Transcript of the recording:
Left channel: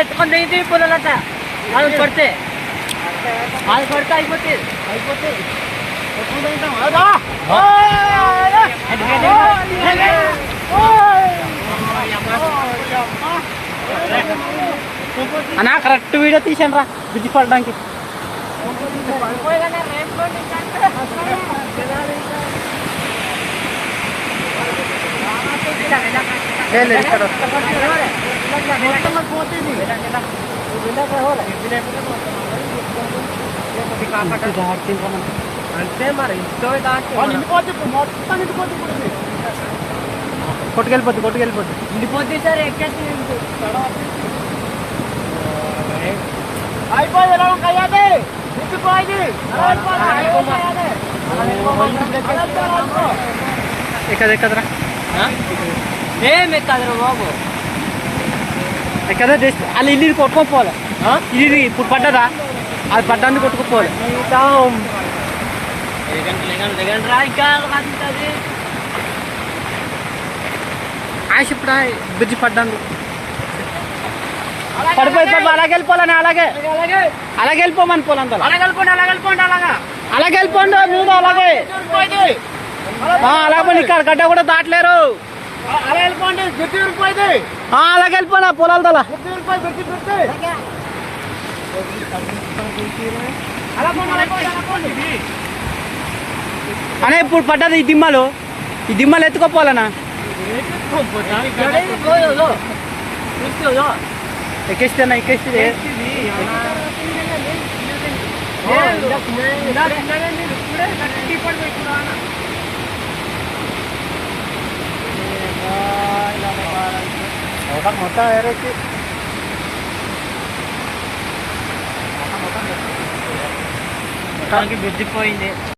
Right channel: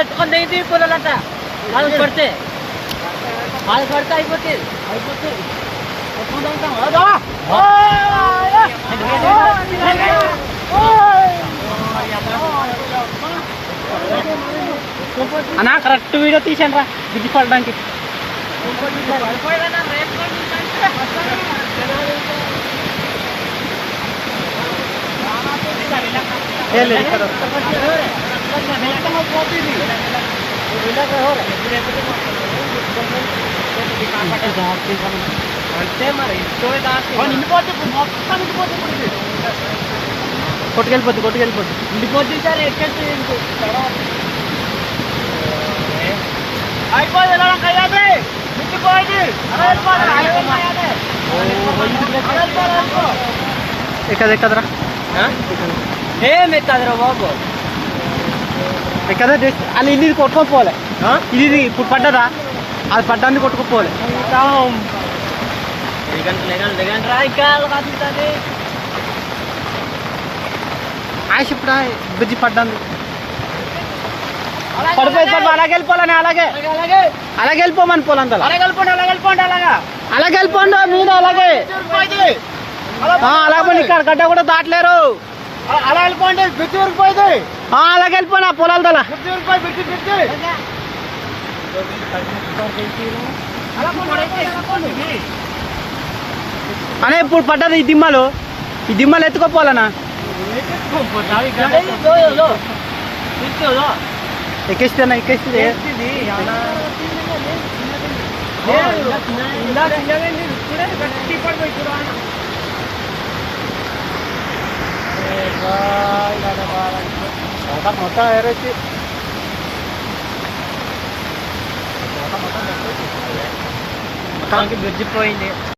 ఎత్తుకుంది ఇది పొలాలంట వాళ్ళు పడితే అయిపోతుంది అన్నా కరెక్ట్ వీడియో తీసాను రా బిజీ పడడానికి ఇక్కడ కొట్టుకెళ్ళిపోద్ది ఇండిపోద్ది సార్ ఎక్కేసి అయిపోయింది ఎక్కదరా ఏం ఎక్కదరా బాబు ఎక్కదా వాళ్ళు ఇల్లు కొట్టుకోపోవాలి ఇది ఇప్పుడు పడ్డరా అది పడ్డానికి కొట్టుకోపోవాలి ఆశ ఇప్పుడు బిజీ పడ్డాను పడిపోయి అలాగే వెళ్ళిపోవాలని అలాగే వెళ్ళిపోమని పోలంత అలాగే వెళ్ళిపోండి మీరు అలాగే అలాగే ఇక్కడ గడ్డ కూడా దాటలేరు అలా వెళ్ళిపోండి బిడ్డ ఊరిపోయింది అలాగే వెళ్ళిపోయినా పొలాల దళ అనే ఇప్పుడు పడ్డది ఈ దిమ్మలు ఎత్తుకోపోవాలనా ఎక్కిస్తేనా ఎక్కిస్తే మొత్తం ఎరొచ్చి బ్రిడ్జిపోయింది